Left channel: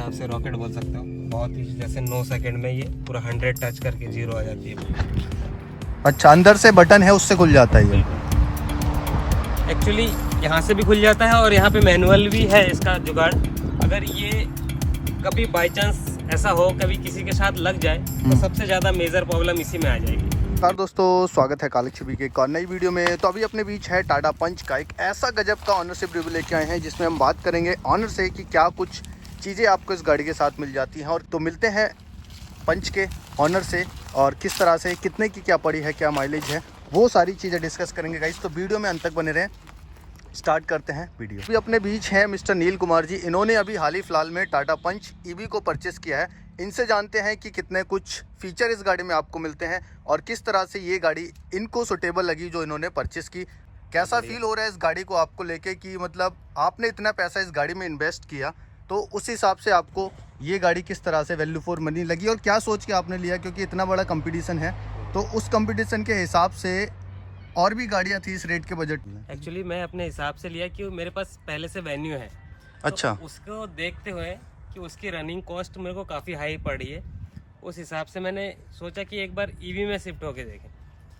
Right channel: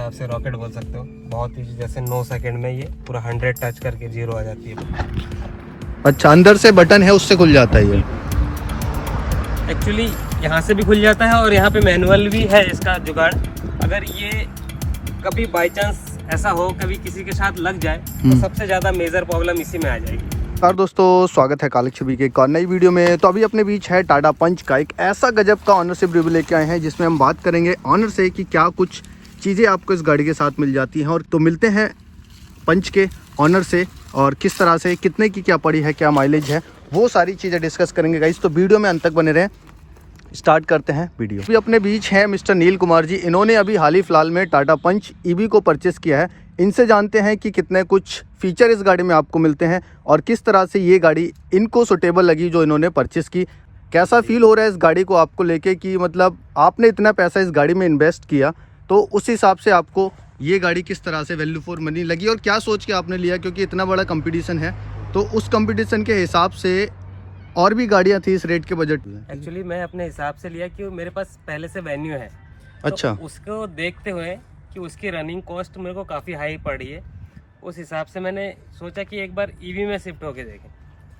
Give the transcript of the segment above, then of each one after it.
हिसाब से रॉकेट बोल सकते हो। बहुत ही जैसे 9 सेकंड में ये पूरा 100 टच करके 0 आ जाती है। अच्छा, अंदर से बटन है उससे खुल जाता है ये? एक्चुअली यहाँ से भी खुल जाता है और यहाँ पे मैनुअल भी है इसका जुगाड़। अगर ये कभी बाई चांस ऐसा हो कभी किसी के साथ लग जाए तो सबसे ज़्यादा मेजर प्रॉब्लम इसी में आ जाएगी। नमस्कार दोस्तों, स्वागत है कालिक छवि के एक और नई वीडियो में। तो अभी अपने बीच है टाटा पंच का एक ऐसा गजब का ऑनरशिप रिव्यू लेके आए हैं जिसमें हम बात करेंगे ऑनर से कि क्या कुछ चीज़ें आपको इस गाड़ी के साथ मिल जाती हैं। और तो मिलते हैं पंच के ऑनर से और किस तरह से, कितने की क्या पड़ी है, क्या माइलेज है, वो सारी चीज़ें डिस्कस करेंगे गाइस। तो वीडियो में अंत तक बने रहें। स्टार्ट करते हैं वीडियो। अभी अपने बीच है मिस्टर नील कुमार जी। इन्होंने अभी हाल ही फिलहाल में टाटा पंच ईवी को परचेस किया है। इनसे जानते हैं कि कितने कुछ फीचर इस गाड़ी में आपको मिलते हैं और किस तरह से ये गाड़ी इनको सुटेबल लगी जो इन्होंने परचेस की। कैसा फील हो रहा है इस गाड़ी को आपको लेके कि मतलब आपने इतना पैसा इस गाड़ी में इन्वेस्ट किया, तो उस हिसाब से आपको ये गाड़ी किस तरह से वैल्यू फॉर मनी लगी और क्या सोच के आपने लिया, क्योंकि इतना बड़ा कंपटीशन है तो उस कंपटीशन के हिसाब से और भी गाड़ियाँ थी इस रेट के बजट में। एक्चुअली मैं अपने हिसाब से लिया कि मेरे पास पहले से वेन्यू है। अच्छा। तो उसको देखते हुए कि उसकी रनिंग कॉस्ट मेरे को काफ़ी हाई पड़ी है, उस हिसाब से मैंने सोचा कि एक बार ईवी में शिफ्ट होके देखें।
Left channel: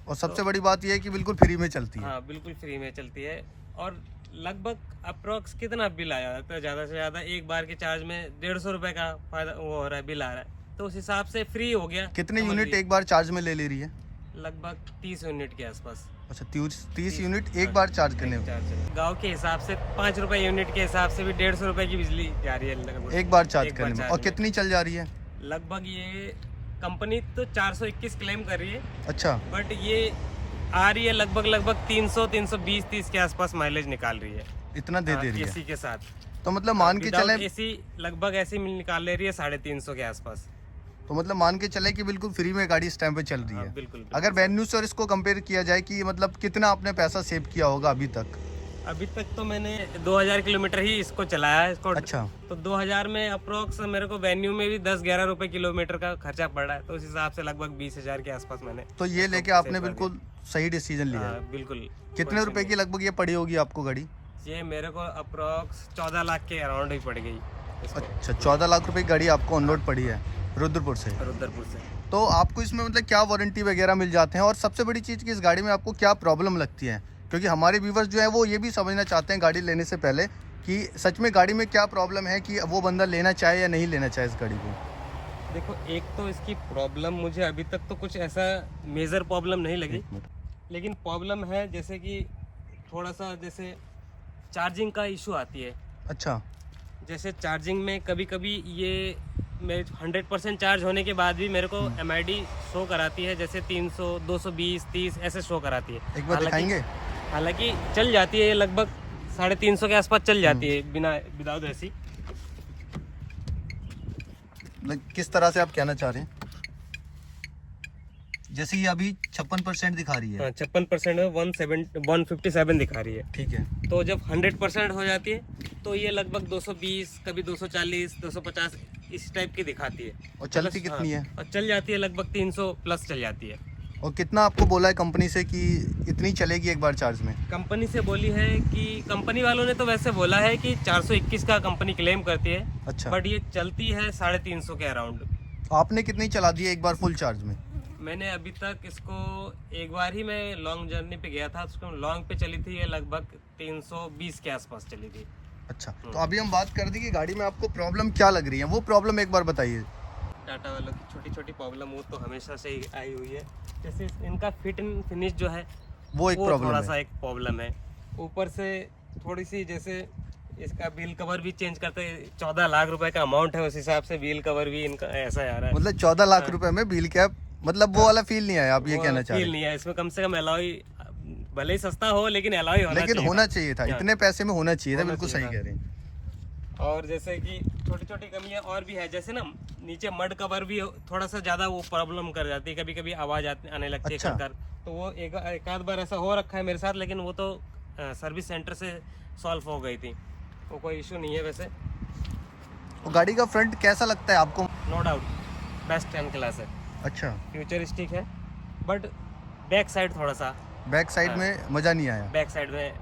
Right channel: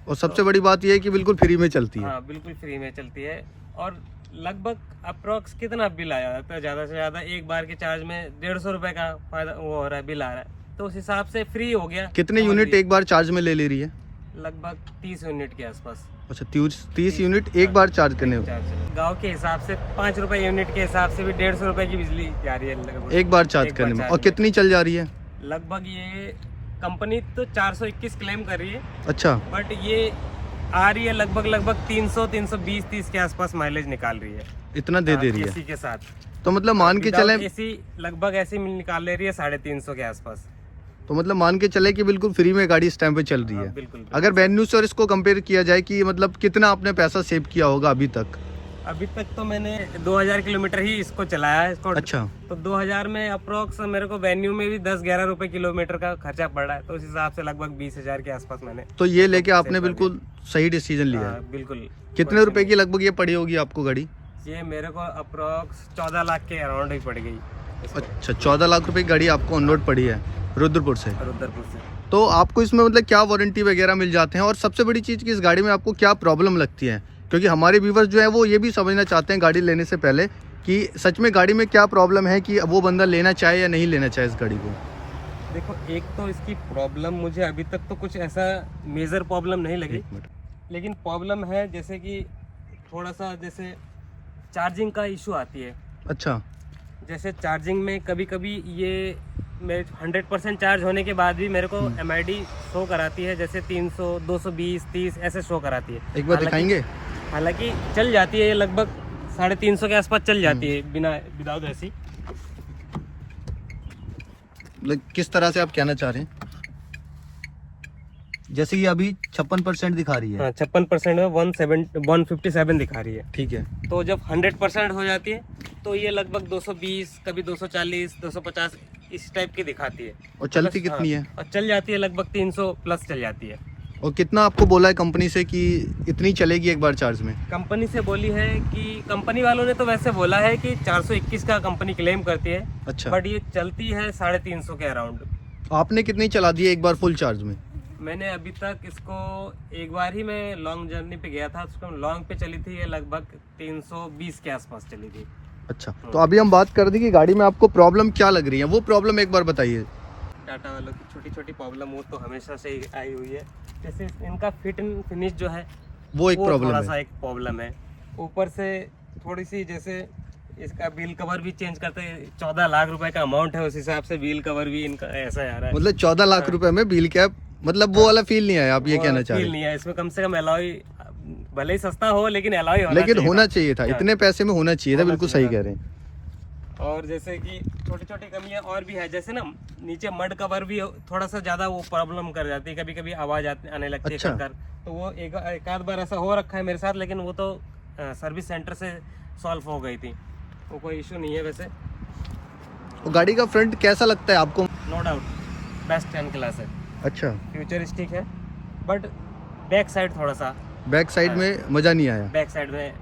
और सबसे बड़ी बात यह है कि बिल्कुल फ्री में चलती है। हाँ, बिल्कुल फ्री में चलती है। और लगभग अप्रोक्स कितना बिल आया जाता है, ज़्यादा से ज़्यादा एक बार के चार्ज में 150 रुपये का फायदा वो हो रहा है, बिल आ रहा है। तो उस हिसाब से फ्री हो गया। कितने यूनिट एक बार चार्ज में ले रही है? लगभग 30 यूनिट के आसपास। अच्छा, 30 यूनिट एक बार चार्ज करने हो? गांव के हिसाब से 5 रुपए यूनिट के हिसाब से भी 150 रुपए की बिजली जा रही है लगभग एक बार चार्ज करने में। और कितनी चल जा रही है? लगभग ये कंपनी तो 421 क्लेम कर रही है। अच्छा। बट ये आ रही है लगभग 300 320 30 के आसपास माइलेज निकाल रही है। इतना दे रही है एसी के साथ। तो मतलब मान के चले एसी लगभग ऐसी निकाल ले रही है 350 के आसपास। तो मतलब मान के चले कि बिल्कुल फ्री में गाड़ी इस टाइम पे चल रही है। बिल्कुल। अगर वेन्यू से और इसको कंपेयर किया जाए कि मतलब कितना आपने पैसा सेव किया होगा अभी तक? अभी तक तो मैंने 2000 किलोमीटर ही इसको चलाया है इसको। अच्छा। तो 2000 में अप्रोक्स मेरे को वेन्यू में भी 10-11 रुपए किलोमीटर का खर्चा पड़ रहा है। तो उस हिसाब से लगभग 20,000 के आसपास मैंने तो ये लेके आपने बिल्कुल सही डिसीजन लिया है। बिल्कुल। कितने रुपए की लगभग ये पड़ी होगी आपको गाड़ी? ये मेरे को अप्रोक्स 14 लाख के अराउंड ही पड़ गई। अच्छा, 14 लाख रुपए की गाड़ी आपको ऑन रोड पड़ी है रुद्रपुर से? रुद्रपुर से। तो आपको इसमें मतलब क्या वारंटी वगैरह मिल जाते हैं और सबसे बड़ी चीज़ कि इस गाड़ी में आपको क्या प्रॉब्लम लगती है, क्योंकि हमारे व्यूवर्स जो है वो ये भी समझना चाहते हैं गाड़ी लेने से पहले कि सच में गाड़ी में क्या प्रॉब्लम है कि वो बंदा लेना चाहे या नहीं लेना चाहे इस गाड़ी को। देखो, एक तो इसकी प्रॉब्लम मुझे अभी तक तो कुछ ऐसा मेजर प्रॉब्लम नहीं लगी, लेकिन प्रॉब्लम है जैसे कि थोड़ा सा जैसे चार्जिंग का इशू आती है। अच्छा। जैसे चार्जिंग में कभी कभी ये मेरे 100% चार्ज होने के बाद भी मेरे को MID शो कराती है, जैसे 300 220 30 ऐसे शो कराती है। एक बार दिखाएंगे? हालांकि चल जाती है लगभग 350 के आसपास चल जाती है बिना विदाउट ऐसी। किस तरह से आप कहना चाह रहे हैं? जैसे ये अभी 56% दिखा रही है। 56% में 157 दिखा रही है। ठीक है। तो जब 100% हो जाती है तो ये लगभग 220, कभी 240 250 इस टाइप की दिखाती है। और चलती कितनी है? और चल जाती है लगभग 300 प्लस चल जाती है। और कितना आपको बोला है कंपनी से कि इतनी चलेगी एक बार चार्ज में? कंपनी से बोली है कि कंपनी वालों ने तो वैसे बोला है कि 421 का कंपनी क्लेम करती है। अच्छा। बट ये चलती है 350 के अराउंड। आपने कितनी चला दी है एक बार फुल चार्ज में? मैंने अभी तक इसको एक बार ही मैं लॉन्ग जर्नी पे गया था, उसको लॉन्ग पे चली थी, ये लगभग 320 के आसपास चली थी। अच्छा, तो अभी हम बात कर दें कि गाड़ी में आपको प्रॉब्लम क्या लग रही है, वो प्रॉब्लम एक बार बताइए। टाटा वालों की छोटी छोटी प्रॉब्लम वो तो हमेशा से ही आई हुई है। जैसे इनका फिट एंड फिनिश जो है वो एक प्रॉब्लम थोड़ा है। सा एक प्रॉब्लम है। ऊपर से थोड़ी सी जैसे इसका व्हील कवर भी चेंज करते हैं, 14 लाख रुपए का अमाउंट है, उस हिसाब से व्हील कवर भी इनका ऐसा आ रहा है। मतलब 14 लाख रुपए में व्हील कैप, मतलब वो वाला फील नहीं आया, आप ये कहना चाह रहे हैं? नहीं है इसमें। कम से कम एलॉय भले ही सस्ता हो लेकिन एलॉय होना चाहिए था। इतने पैसे में होना चाहिए था। बिल्कुल सही कह रहे हैं। और जैसे कि छोटी छोटी कमियां और भी है, जैसे ना नीचे मड कवर भी थोड़ा सा ज्यादा वो प्रॉब्लम कर जाती है, कभी कभी आवाज आने लगती है। अच्छा। कर तो वो एक आध बार ऐसा हो रखा है मेरे साथ, लेकिन वो तो सर्विस सेंटर से सॉल्व हो गई थी, वो कोई इशू नहीं है। वैसे तो गाड़ी का फ्रंट कैसा लगता है आपको? नो डाउट बेस्ट 10 क्लास है। अच्छा। फ्यूचरिस्टिक है, बट बैक साइड थोड़ा सा बैक साइड में मजा नहीं आया? बैक साइड में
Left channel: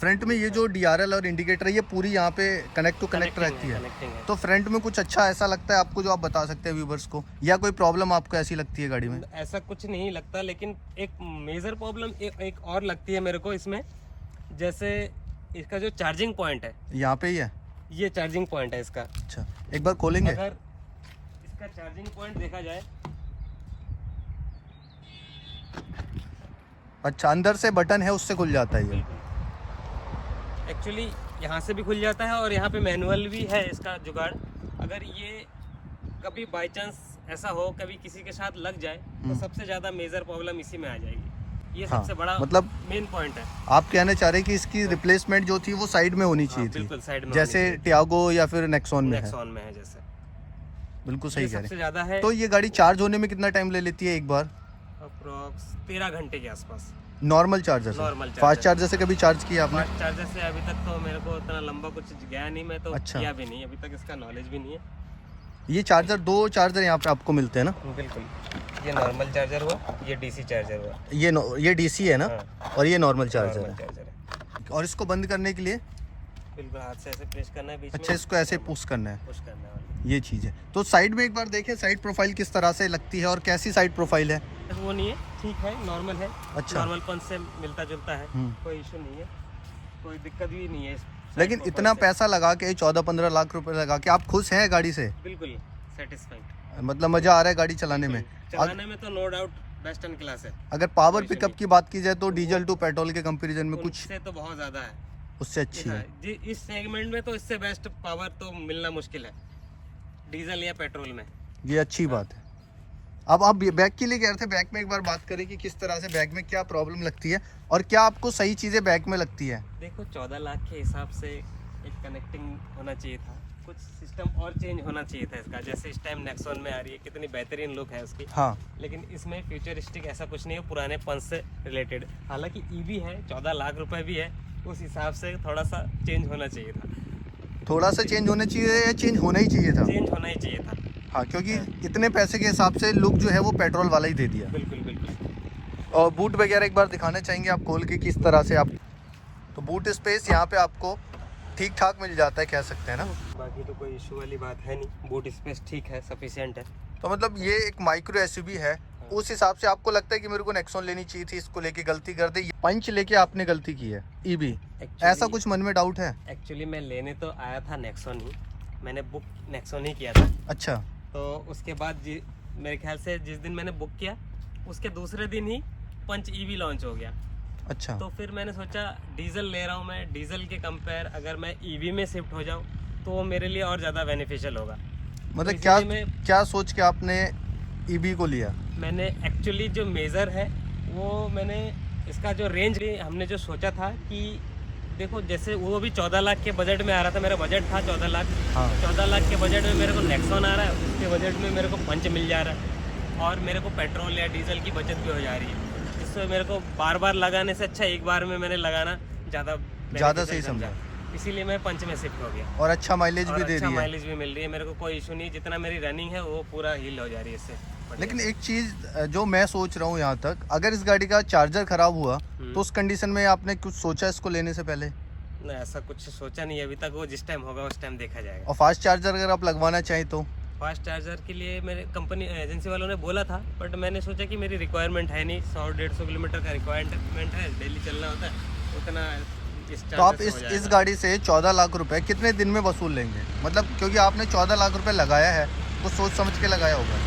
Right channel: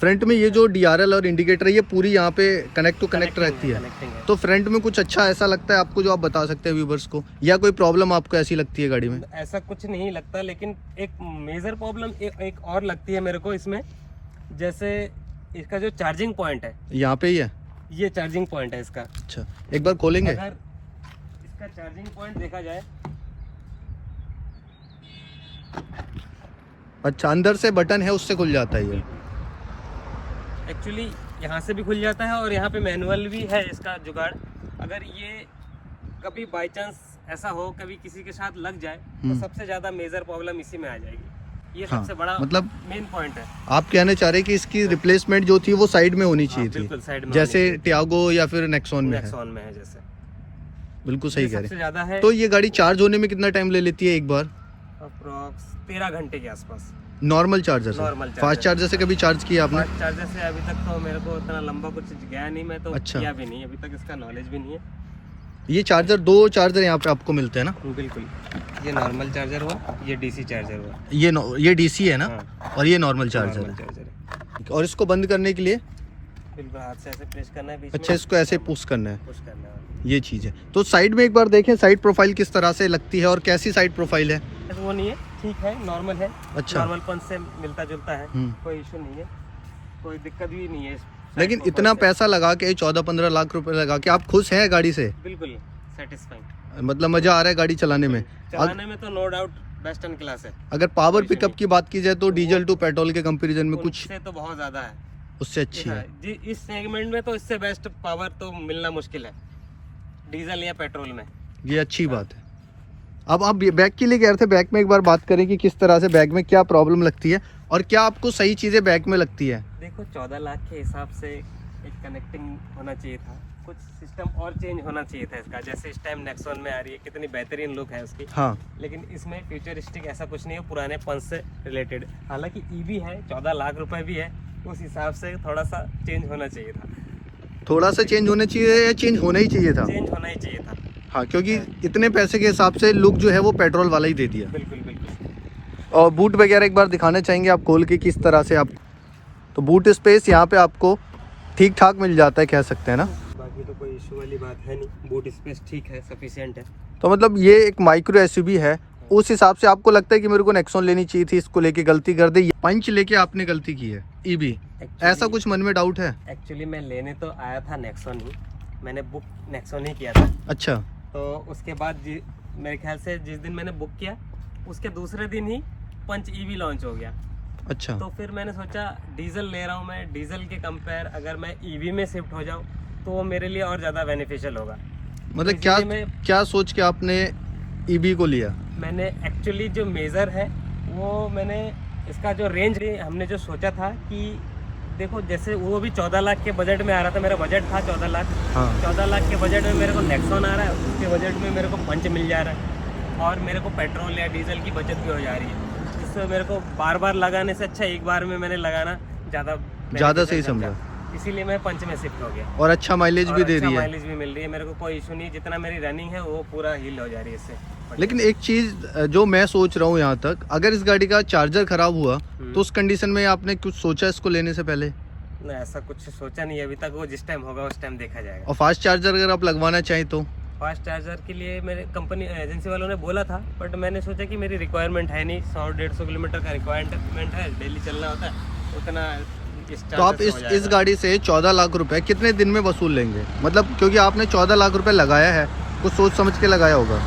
फ्रंट में ये जो DRL और इंडिकेटर है ये पूरी यहाँ पे कनेक्ट टू कनेक्ट रहती है। कनेक्टिंग है। तो फ्रंट में कुछ अच्छा ऐसा लगता है आपको जो आप बता सकते हैं व्यूवर्स को, या कोई प्रॉब्लम आपको ऐसी लगती है गाड़ी में? ऐसा कुछ नहीं लगता, लेकिन एक मेजर प्रॉब्लम एक और लगती है मेरे को इसमें। जैसे इसका जो चार्जिंग पॉइंट है, यहाँ पे ही है? ये चार्जिंग पॉइंट है इसका। अच्छा, एक बार खोलेंगे। अगर इसका चार्जिंग पॉइंट देखा जाए, अच्छा, अंदर से बटन है उससे खुल जाता है ये? एक्चुअली यहाँ से भी खुल जाता है और यहाँ पे मैनुअल भी है इसका जुगाड़। अगर ये कभी बाय चांस ऐसा हो, कभी किसी के साथ लग जाए, तो सबसे ज्यादा मेजर प्रॉब्लम इसी में आ जाएगी। ये हाँ, सबसे बड़ा मतलब मेन पॉइंट है। आप कहना चाह रहे हैं कि इसकी रिप्लेसमेंट जो थी वो साइड में होनी चाहिए थी, बिल्कुल साइड में, जैसे टियागो या फिर नेक्सॉन में है। नेक्सॉन में है जैसे। बिल्कुल सही कह रहे सबसे ज्यादा है। हैं। तो ये गाड़ी चार्ज होने में कितना टाइम ले लेती है एक बार? अप्रोक्स 13 घंटे के आसपास। नॉर्मल चार्जर से? नॉर्मल फास्ट चार्जर से कभी चार्ज किया आपने? फास्ट चार्जर से अभी तक तो मेरे को इतना लंबा कुछ गया नहीं, मैं तो अच्छा। किया भी नहीं अभी तक, इसका नॉलेज भी नहीं है। ये चार्जर, दो चार्जर यहाँ पे आपको मिलते हैं ना? बिल्कुल, ये नॉर्मल चार्जर हुआ, ये डीसी चार्जर हुआ। ये डीसी है ना? हाँ। और ये नॉर्मल चार्जर नॉर्मल है। चार्जर है। और इसको बंद करने के लिए? बिल्कुल हाथ से ऐसे प्रेस करना है बीच अच्छा, में। इसको ऐसे पुश करना है, पुश करना है। ये चीज़ है। तो साइड में एक बार देखें साइड प्रोफाइल किस तरह से लगती है और कैसी साइड प्रोफाइल है? वो नहीं है, ठीक है, नॉर्मल है। अच्छा। नॉर्मल पंच से मिलता जुलता है, कोई इशू नहीं है, कोई दिक्कत भी नहीं है इस side लेकिन profile इतना से। पैसा लगा के 14-15 लाख रुपए लगा के आप खुश हैं गाड़ी से? बिल्कुल सेटिस्फाइंग, मतलब मजा आ रहा है गाड़ी चलाने में? चलाने में तो no doubt best in class है। अगर पावर कोई पिकअप नहीं। की बात की जाए तो डीजल टू पेट्रोल के कंपैरिजन में कुछ उससे तो बहुत ज्यादा है, उससे अच्छी है? जी इस सेगमेंट में तो इससे बेस्ट पावर तो मिलना मुश्किल है, डीजल या पेट्रोल में। ये अच्छी बात है। अब आप बैग के लिए कह रहे थे, बैग में एक बार बात करें कि किस तरह से बैग में क्या प्रॉब्लम लगती है और क्या आपको सही चीज़ें बैग में लगती है? देखो 14 लाख के हिसाब से एक कनेक्टिंग होना चाहिए था, कुछ सिस्टम और चेंज होना चाहिए था इसका। जैसे इस टाइम नेक्सॉन में आ रही है, कितनी बेहतरीन लुक है उसकी। हाँ, लेकिन इसमें फ्यूचरिस्टिक ऐसा कुछ नहीं है, पुराने पंच से रिलेटेड। हालांकि ईवी है, 14 लाख रुपए भी है, उस हिसाब से थोड़ा सा चेंज होना चाहिए था। थोड़ा सा चेंज होना चाहिए या चेंज होना ही चाहिए था? चेंज होना ही चाहिए था। हाँ, क्योंकि इतने पैसे के हिसाब से लुक जो है वो पेट्रोल वाला ही दे दिया। बिल्कुल बिल्कुल। और बूट वगैरह एक बार दिखाना चाहेंगे आप खोल के किस तरह से आप? तो बूट स्पेस यहाँ पे आपको ठीक ठाक मिल जाता है, कह सकते हैं ना? बाकी तो कोई इशू वाली बात है नहीं, बूट स्पेस ठीक है, सफिशिएंट है। तो मतलब ये एक माइक्रो एसयूवी है, उस हिसाब से आपको लगता है कि मेरे को नेक्सॉन लेनी चाहिए थी, इसको लेके गलती कर दी, पंच लेके आपने गलती की है ईवी, ऐसा कुछ मन में डाउट है? एक्चुअली मैं लेने तो आया था नेक्सॉन ही, मैंने बुक नेक्सॉन ही किया था। अच्छा, तो उसके बाद मेरे ख्याल से जिस दिन मैंने बुक किया उसके दूसरे दिन ही पंच ईवी लॉन्च हो गया। अच्छा। तो फिर मैंने सोचा डीजल ले रहा हूँ मैं, डीजल के कंपेयर अगर मैं ईवी में शिफ्ट हो जाऊँ तो वो मेरे लिए और ज़्यादा बेनिफिशियल होगा। मतलब तो क्या इसीलिए क्या सोच के आपने ईवी को लिया? मैंने एक्चुअली जो मेज़र है वो मैंने इसका जो रेंज हमने जो सोचा था कि देखो जैसे वो भी 14 लाख के बजट में आ रहा था, मेरा बजट था 14 लाख। हाँ। 14 लाख के बजट में मेरे को नेक्सॉन आ रहा है, उसके बजट में मेरे को पंच मिल जा रहा है और मेरे को पेट्रोल या डीजल की बचत भी हो जा रही है। इससे मेरे को बार बार लगाने से अच्छा एक बार में मैंने लगाना ज़्यादा सही समझा, इसीलिए मैं पंच में शिफ्ट हो गया। और अच्छा माइलेज भी दे अच्छा रही है। माइलेज भी मिल रही है, मेरे को कोई इशू नहीं, जितना मेरी रनिंग है वो पूरा हील हो जा रही है इससे। लेकिन एक चीज जो मैं सोच रहा हूँ यहाँ तक, अगर इस गाड़ी का चार्जर खराब हुआ तो उस कंडीशन में आपने कुछ सोचा इसको लेने से पहले? नहीं, ऐसा कुछ सोचा नहीं अभी तक, वो जिस टाइम होगा उस टाइम देखा जाएगा। और फास्ट चार्जर अगर आप लगवाना चाहें तो? फास्ट चार्जर के लिए मेरे कंपनी एजेंसी वालों ने बोला था, बट मैंने सोचा कि मेरी रिक्वायरमेंट है नहीं, 100-150 किलोमीटर का रिक्वायरमेंट है, डेली चलना होता है उतना। तो आप इस गाड़ी से 14 लाख रुपए कितने दिन में वसूल लेंगे? मतलब क्योंकि आपने 14 लाख रुपए लगाया है, कुछ सोच समझ के लगाया होगा।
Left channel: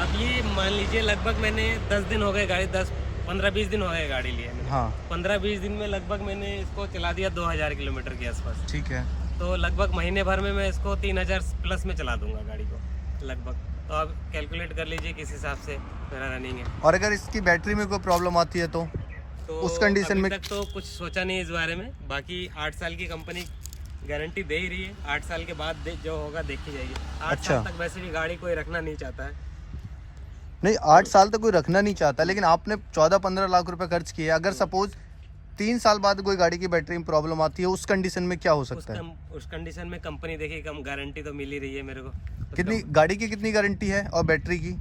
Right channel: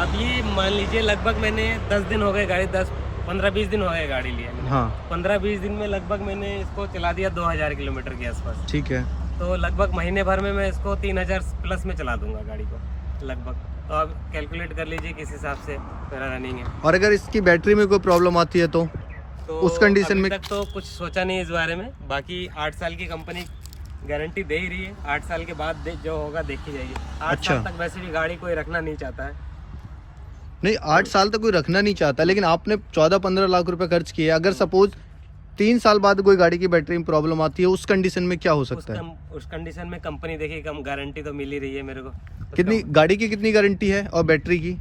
अब ये मान लीजिए लगभग मैंने 10 दिन हो गए गाड़ी, 15-20 दिन हो गए गाड़ी लिए मैंने। हाँ। 15-20 दिन में लगभग मैंने इसको चला दिया 2000 किलोमीटर के आसपास। ठीक है। तो लगभग महीने भर में मैं इसको 3000 प्लस में चला दूंगा गाड़ी को लगभग। तो आप कैलकुलेट कर लीजिए किस हिसाब से मेरा रनिंग है। और अगर इसकी बैटरी में कोई प्रॉब्लम आती है तो उस कंडीशन में? अभी तक तो कुछ सोचा नहीं इस बारे में, बाकी 8 साल की कंपनी गारंटी दे ही रही है, 8 साल के बाद जो होगा देखी जाएगी। 8 साल तक वैसे भी गाड़ी कोई रखना नहीं चाहता है। नहीं, 8 साल तक कोई रखना नहीं चाहता, लेकिन आपने 14-15 लाख रुपए खर्च किए, अगर सपोज 3 साल बाद कोई गाड़ी की बैटरी में प्रॉब्लम आती है, उस कंडीशन में क्या हो सकता है? उस कंडीशन में कंपनी देखिए कम गारंटी तो मिल ही रही है मेरे को। कितनी गाड़ी की कितनी गारंटी है और बैटरी की?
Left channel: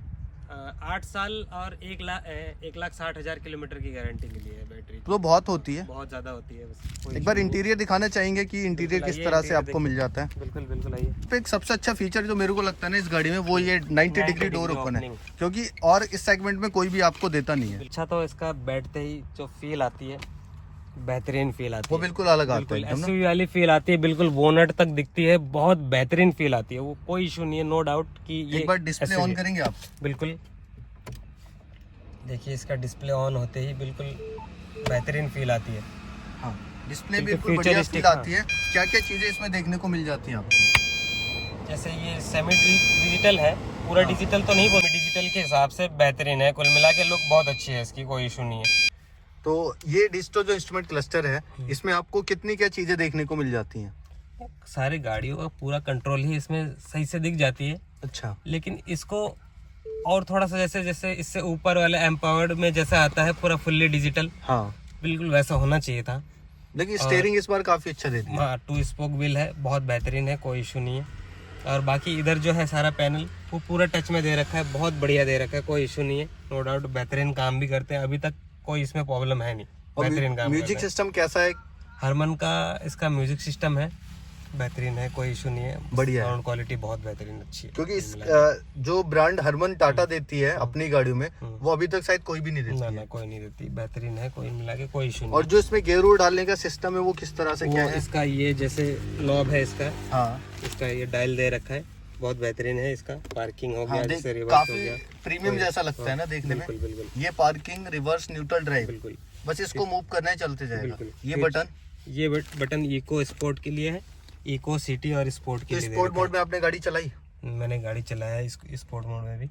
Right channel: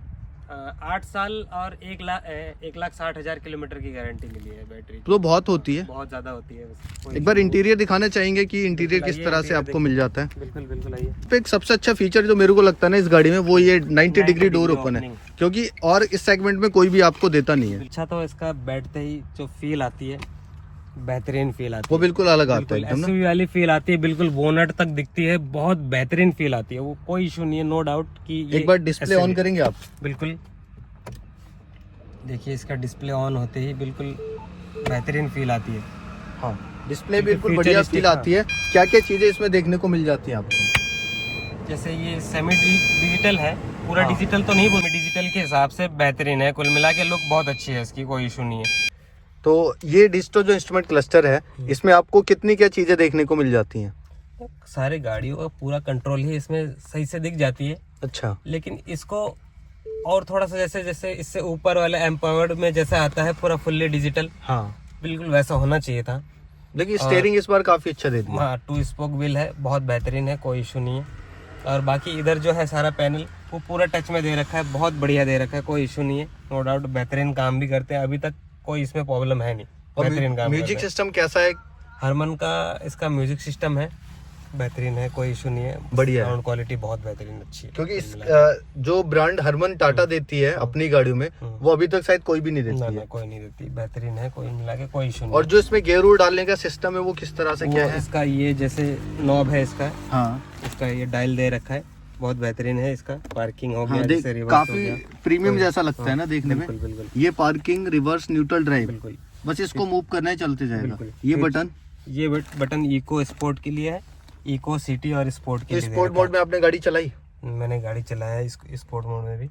8 साल और 1,60,000 किलोमीटर की गारंटी मिली है बैटरी की। तो बहुत होती है, बहुत ज्यादा होती है। एक बार इंटीरियर दिखाना चाहेंगे कि इंटीरियर किस तरह से आपको मिल जाता है? बिल्कुल बिल्कुल आइए। पे एक सबसे अच्छा फीचर जो मेरे को लगता है ना इस गाड़ी में, वो ये 90 डिग्री डोर ओपन है, क्योंकि और इस सेगमेंट में कोई भी आपको देता नहीं है। अच्छा, तो इसका बैठते ही जो फील आती है, बेहतरीन फील आती है, वो बिल्कुल अलग आता है एकदम ना। एसयूवी वाली फील आती है, बिल्कुल बोनट तक दिखती है, बहुत बेहतरीन फील आती है। वो कोई इशू नहीं है, नो डाउट कि ये एक बार डिस्प्ले ऑन करेंगे आप? बिल्कुल, देखिए इसका डिस्प्ले ऑन होते ही बिल्कुल बेहतरीन फील आती है। हाँ, डिस्प्ले बिल्कुल बढ़िया फील आती है। क्या क्या चीजें इसमें देखने को मिल जाती हैं आपको? जैसे ये सेमी डिजिटल है, पूरा हाँ। डिजिटल तो नहीं, वो डिजिटल के हिसाब से बेहतरीन है। कुल मिला के लुक बहुत अच्छी है इसकी, कोई इशू नहीं है। तो ये डिजिटल जो इंस्ट्रूमेंट क्लस्टर है, इसमें आपको कितनी क्या चीजें देखने को मिल जाती हैं? सारी गाड़ियों का पूरा कंट्रोल ही इसमें सही से दिख जाती है। अच्छा, लेकिन इसको और थोड़ा सा जैसे जैसे इससे ऊपर वाले एम्पावर्ड में जैसा आता है पूरा फुल्ली डिजिटल, हाँ, बिल्कुल वैसा होना चाहिए था। लेकिन स्टीयरिंग इस बार काफी अच्छा दे दिया। हाँ, 2 स्पोक व्हील है, बहुत बेहतरीन है, कोई इशू नहीं है। और बाकी इधर जो है सारा पैनल वो पूरा टच में दे रखा है, बहुत बढ़िया दे रखा है, कोई इशू नहीं है। नो डाउट बेहतरीन काम भी करते हैं, अभी तक कोई इसमें प्रॉब्लम है नहीं। और बेहतरीन काम म्यूजिक सिस्टम कैसा है? हरमन का इसका म्यूजिक सिस्टम है, बेहतरीन है, कोई इशू नहीं है, बढ़िया है। साउंड क्वालिटी बहुत बेहतरीन अच्छी है। क्योंकि इस जो ब्रांड हरमन टाटा देती है अपनी गाड़ियों में, वो अभी तक शायद कोई भी नहीं देती है। कोई नहीं देती, बेहतरीन है, कोई मिला के कोई इशू नहीं। और जो इसमें गियर डालने का सिस्टम है वो किस तरह से क्या है? इसका ये जैसे नॉब है इसका, हाँ, इसका ये डायल दे रखा है, बहुत बेहतरीन है। इसका पार्किंग हो हाँ, गया, जैसे रिवर्स हो काफी गया। प्रीमियम जैसा लगता है ना देखने में। बिल्कुल बिल्कुल ये पार्किंग, रिवर्स, न्यूट्रल ड्राइव, बिल्कुल। बस इसको मूव करना है, चलते जाएगा। बिल्कुल। ये बटन, ये बटन इको स्पोर्ट के लिए है, इको सिटी और स्पोर्ट के तो लिए। स्पोर्ट मोड में आपने गाड़ी चलाई? मैंने गाड़ी चलाया है स्पोर्ट मोड में भी,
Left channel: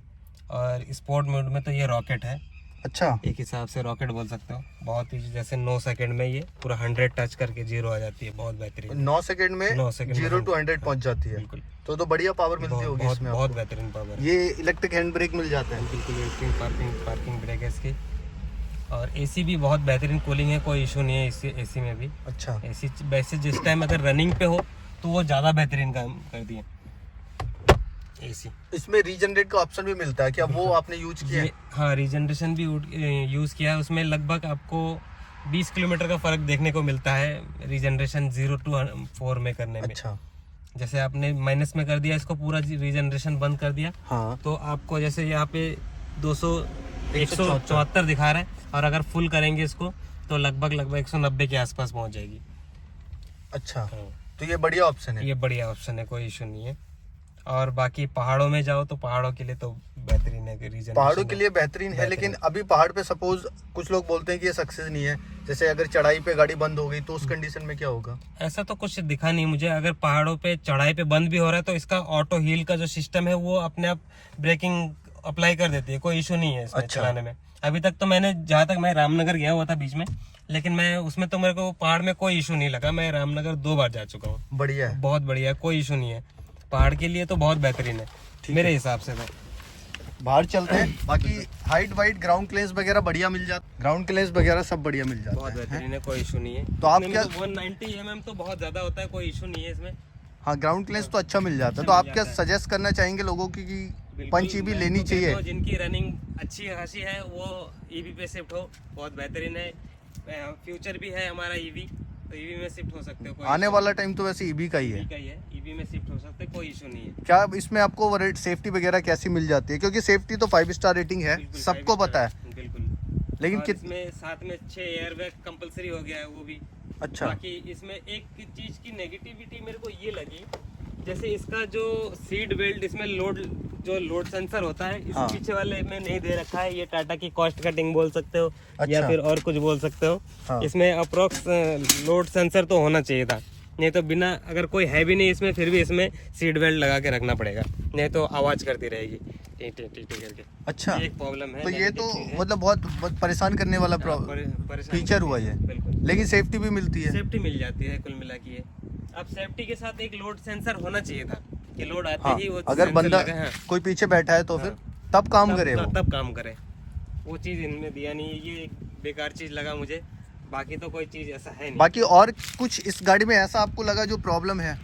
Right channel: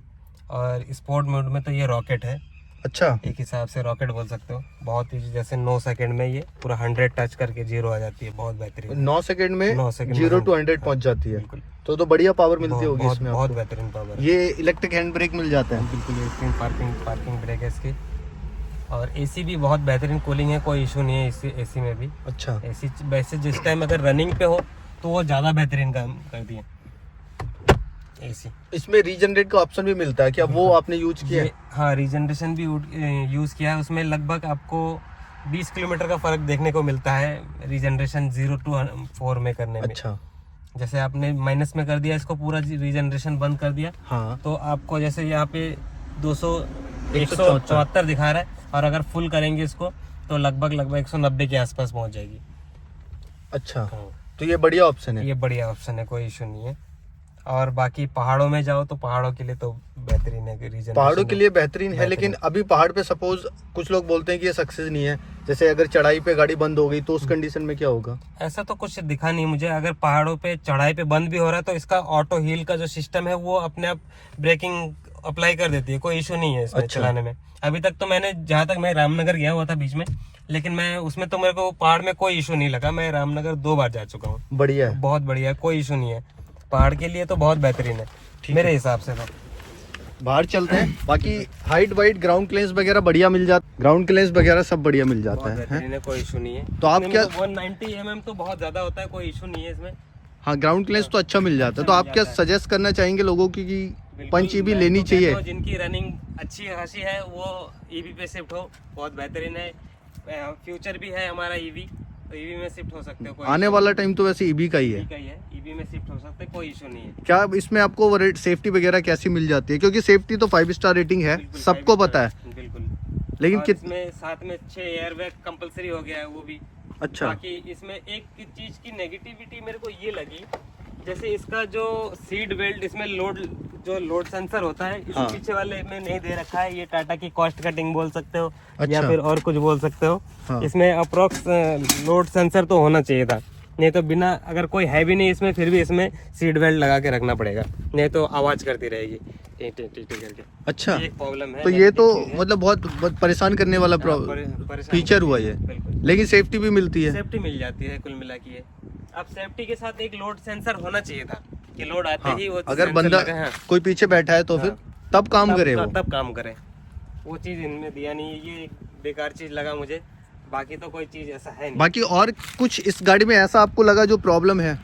और स्पोर्ट मोड में तो ये रॉकेट है, अच्छा, एक हिसाब से रॉकेट बोल सकते हो। बहुत ही जैसे 9 सेकंड में ये पूरा 100 टच करके 0 आ जाती है, बहुत बेहतरीन। 9 सेकंड में 9 सेकंड 0 to 100 पहुंच जाती है। बिल्कुल, तो बढ़िया पावर मिलती होगी बहुत इसमें बहुत आपको। बेहतरीन पावर है। ये इलेक्ट्रिक हैंड ब्रेक मिल जाता है। बिल्कुल पार्किंग ब्रेक है इसकी। और एसी भी बहुत बेहतरीन कूलिंग है, कोई इशू नहीं है एसी में भी। अच्छा, एसी वैसे जिस टाइम अगर रनिंग पे हो तो वो ज़्यादा बेहतरीन काम करती है एसी। इसमें रीजनरेट का ऑप्शन भी मिलता है क्या? वो आपने यूज किया है? हाँ, रीजनरेशन भी यूज़ किया है। उसमें लगभग आपको 20 किलोमीटर का फर्क देखने को मिलता है रीजनरेशन 0 to 4 में करने में। अच्छा, जैसे आपने माइनस में कर दिया इसको, पूरा रीजनरेशन बंद कर दिया, हाँ, तो आपको जैसे यहाँ पे 174 दिखा रहा है, और अगर फुल करेंगे इसको तो लगभग 190 के आसपास पहुंच जाएगी। अच्छा, तो ये बढ़िया ऑप्शन है। ये बढ़िया ऑप्शन है, कोई इशू नहीं है। और बाकी पहाड़ों में जाओ तो पहाड़ों के लिए तो बेहतरीन है कि रीजन, पहाड़ों के लिए बेहतरीन है। लेकिन अभी पहाड़ पे सपोज कुछ लोग बोलते हैं कि ये सक्सेस नहीं है, जैसे अगर चढ़ाई पे गाड़ी बंद हो गई तो उस कंडीशन में क्या होगा? ऐसा तो कुछ दिखा नहीं मुझे। अगर पहाड़ों पे चढ़ाई पे बंद भी हो रहा है तो इसका ऑटो हील का जो सिस्टम है वो अपने आप ब्रेकिंग अप्लाई कर देती है, कोई इशू नहीं है इसमें चलाने में। अभी तक तो मैंने, जहाँ तक मैं रामनगर गया हुआ था बीच में, लेकिन मैं उसमें तो मेरे को पहाड़ में कोई इशू नहीं लगा। मैं रामनगर 2 बार जा चुका हूँ। बढ़िया है, बहुत बढ़िया है, कोई इशू नहीं है। पहाड़ के लिए तो बहुत बेहतरीन है मेरे हिसाब से। तो बाहर चलते हैं। बाकी हाइट वाइट ग्राउंड क्लियरेंस वगैरह बढ़िया मिल जाता, ग्राउंड क्लियरेंस वगैरह सब बढ़िया मिल बहुत जाता है। बेहतरीन है, कोई इशू नहीं है। तो आप इतने क्या, में तो 190 mm तो बहुत ज्यादा होता है, कोई इशू नहीं है इसमें। हाँ, ग्राउंड क्लियरेंस तो अच्छा मिल जाता है। तो आप क्या सजेस्ट करना चाहेंगे लोगों की कि बिल्कुल, पंच ईवी मैं लेनी तो कहता चाहिए? हूँ जिनकी रनिंग अच्छी खासी है वो ईवी पे शिफ्ट हो, बहुत बेहतरीन है। फ्यूचर भी है हमारा ईवी, तो ईवी में शिफ्ट हो सकते हो। कोई आने वाला टाइम तो वैसे ईवी का ही है। ईवी में शिफ्ट हो सकते हैं, कोई इशू नहीं है। क्या इसमें आपको सेफ्टी वगैरह कैसी मिल जाती है? क्योंकि सेफ्टी तो 5 स्टार रेटिंग है, बिल्कुल, सबको 5 पता है, स्टार, बिल्कुल। लेकिन और इसमें साथ में 6 एयरबैग कंपलसरी हो गया है, वो भी। अच्छा, बाकी इसमें एक चीज की नेगेटिविटी मेरे को ये लगी, जैसे इसका जो सीट बेल्ट, इसमें लोड सेंसर होता है, इस हाँ। पीछे वाले में नहीं दे रखा है। ये टाटा की कॉस्ट कटिंग बोल सकते हो, या अच्छा। फिर और कुछ बोल सकते हो। हाँ। इसमें अप्रोक्स लोड सेंसर तो होना चाहिए था, नहीं तो बिना, अगर कोई है भी नहीं इसमें, फिर भी इसमें सीट बेल्ट लगा के रखना पड़ेगा, नहीं तो आवाज करती रहेगी टी टी टी टी करके। अच्छा, ये एक प्रॉब्लम है। तो ये तो मतलब बहुत परेशान करने वाला फीचर हुआ ये। बिल्कुल, लेकिन सेफ्टी भी मिलती है। सेफ्टी मिल जाती है कुल मिला के। अब सेफ्टी के साथ एक लोड सेंसर होना चाहिए था कि लोड आते ही वो अगर सेंसर बंदा लगे, हाँ, कोई पीछे बैठा है तो फिर तब काम करे वो। तब काम करे। वो चीज इनमें दिया नहीं है, ये एक बेकार चीज लगा मुझे। बाकी तो कोई चीज ऐसा है नहीं। बाकी और कुछ इस गाड़ी में ऐसा आपको लगा जो प्रॉब्लम है?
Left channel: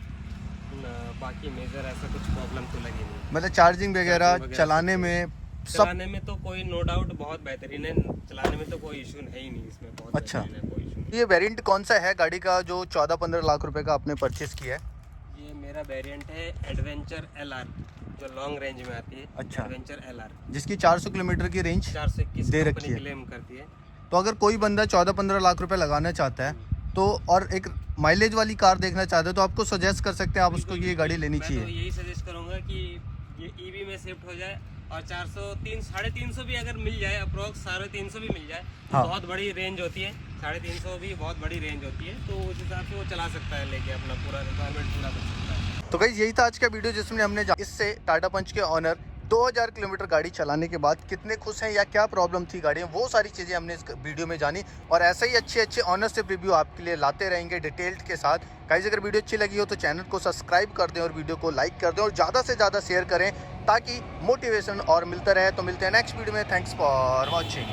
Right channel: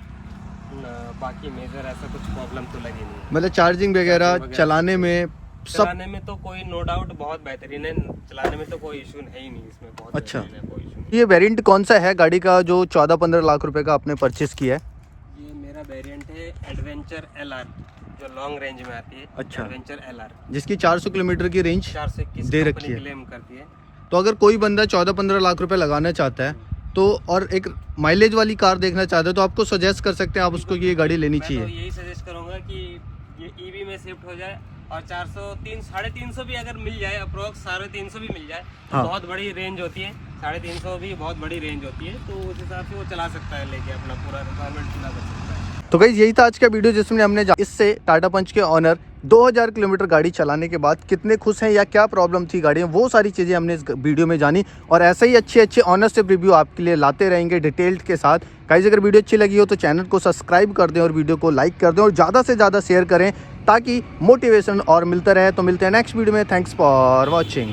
बाकी मेजर ऐसा कुछ प्रॉब्लम तो लगी नहीं। मतलब चार्जिंग वगैरह चलाने में चलाने में तो कोई नो डाउट बहुत बेहतरीन है, चलाने में तो कोई इशू है ही नहीं इसमें, बहुत अच्छा। बेहतरीन है, कोई इशू नहीं। ये वेरिएंट कौन सा है गाड़ी का जो 14-15 लाख रुपए का आपने परचेस किया है? ये मेरा वेरिएंट है एडवेंचर LR, जो लॉन्ग रेंज में आती है। अच्छा। एडवेंचर LR जिसकी 400 किलोमीटर की रेंज 421 दे कंपनी रखी है। क्लेम करती है। तो अगर कोई बंदा 14-15 लाख रुपए लगाना चाहता है तो और एक माइलेज वाली कार देखना चाहता है तो आपको सजेस्ट कर सकते हैं आप उसको कि ये गाड़ी लेनी मैं तो चाहिए। यही सजेस्ट करूंगा कि ये ईवी में शिफ्ट हो जाए और 350 भी अगर मिल जाए, अप्रोक्स 350 भी मिल जाए तो हाँ। बहुत बड़ी रेंज होती है। 350 भी बहुत बड़ी रेंज होती है, तो उस हिसाब से वो चला सकता है, लेके अपना पूरा रिक्वायरमेंट पूरा कर सकता है। तो गाइस यही था आज का वीडियो जिसमें हमने इससे टाटा पंच के ऑनर 2000 किलोमीटर गाड़ी चलाने के बाद कितने खुश हैं या क्या प्रॉब्लम थी गाड़ी में, वो सारी चीज़ें हमने इस वीडियो में जानी। और ऐसे ही अच्छे अच्छे ऑनरशिप रिव्यू आपके लिए लाते रहेंगे डिटेल्ड के साथ। गाइस अगर वीडियो अच्छी लगी हो तो चैनल को सब्सक्राइब कर दें और वीडियो को लाइक कर दें और ज़्यादा से ज़्यादा शेयर करें ताकि मोटिवेशन और मिलता रहे। तो मिलते हैं नेक्स्ट वीडियो में। Thanks for watching.